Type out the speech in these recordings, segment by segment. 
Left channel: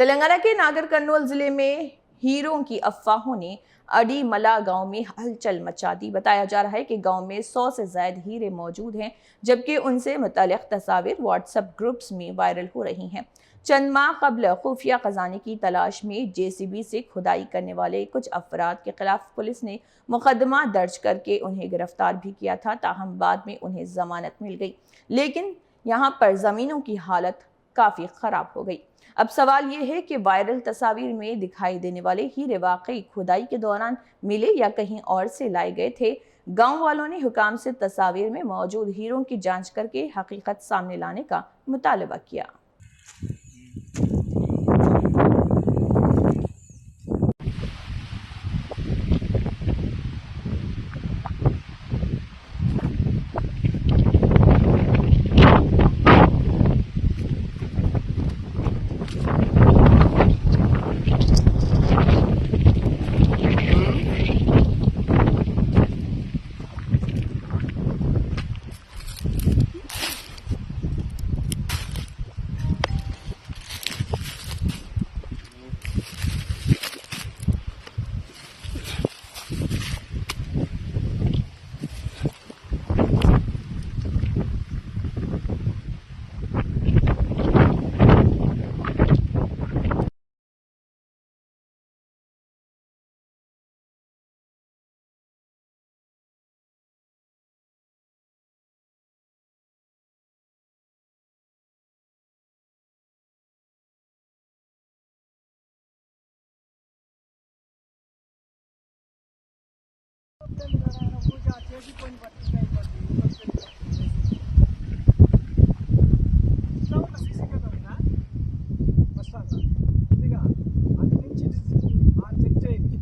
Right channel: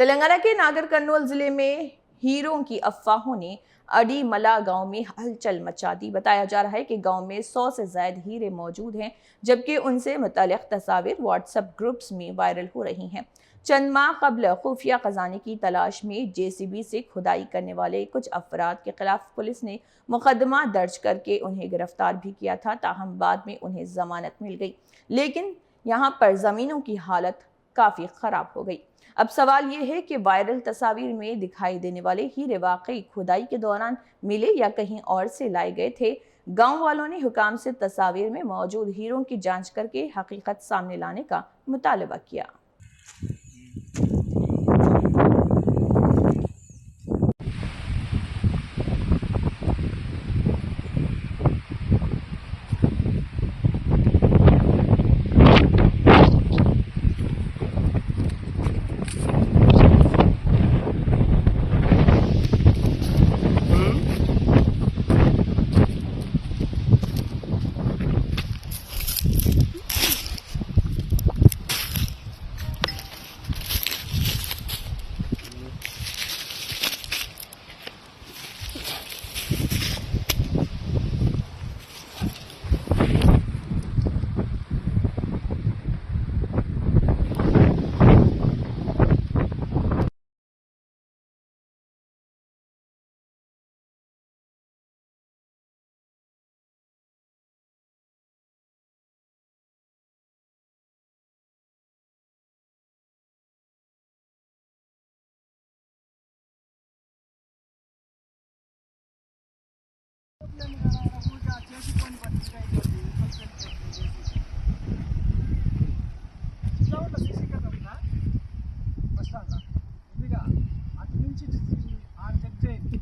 तेलंगाना के नागर कर्नूल जिले में हीरों की अफवाहों ने अडीमला गांव में हलचल मचा दी। बताया जा रहा है कि गांव में 100 से ज्यादा हीरे मौजूद हैं, जबकि उनसे मुताल्लिक तस्वीर व्हाट्सएप ग्रुप्स में वायरल हो रही हैं। चंद माह कबल खुफिया खजाने की तलाश में जेसीबी से खुदाई करने वाले कुछ अफराद के खिलाफ पुलिस ने मुकदमा दर्ज करके उन्हें गिरफ्तार भी किया था। ताहम बाद में उन्हें जमानत मिल गई, लेकिन यहाँ पर जमीनों की हालत काफी खराब हो गई। अब सवाल ये है कि वायरल तस्वीर में दिखाई देने वाले हीरे वाकई खुदाई के दौरान मिले या कहीं और से लाए गए थे। गांव वालों ने हुकाम से तस्वीर में मौजूद हीरों की जांच करके हकीकत सामने लाने का मुतालबा किया।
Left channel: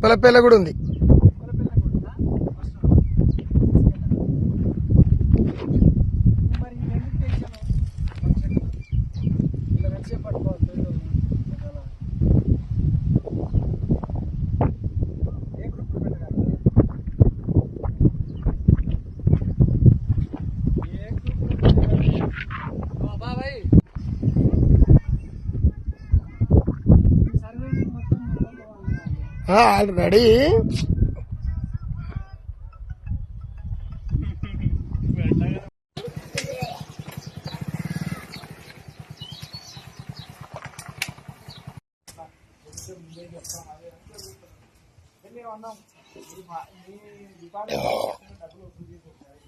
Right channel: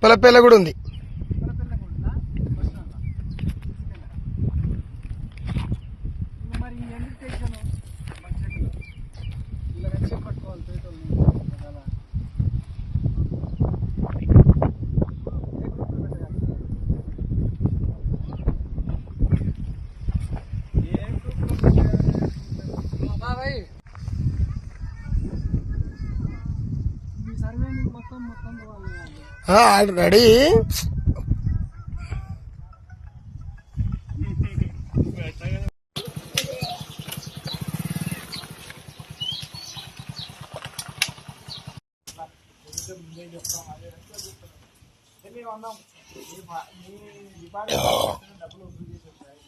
పలపేల కూడా ఉంది. ఆల్రెడీ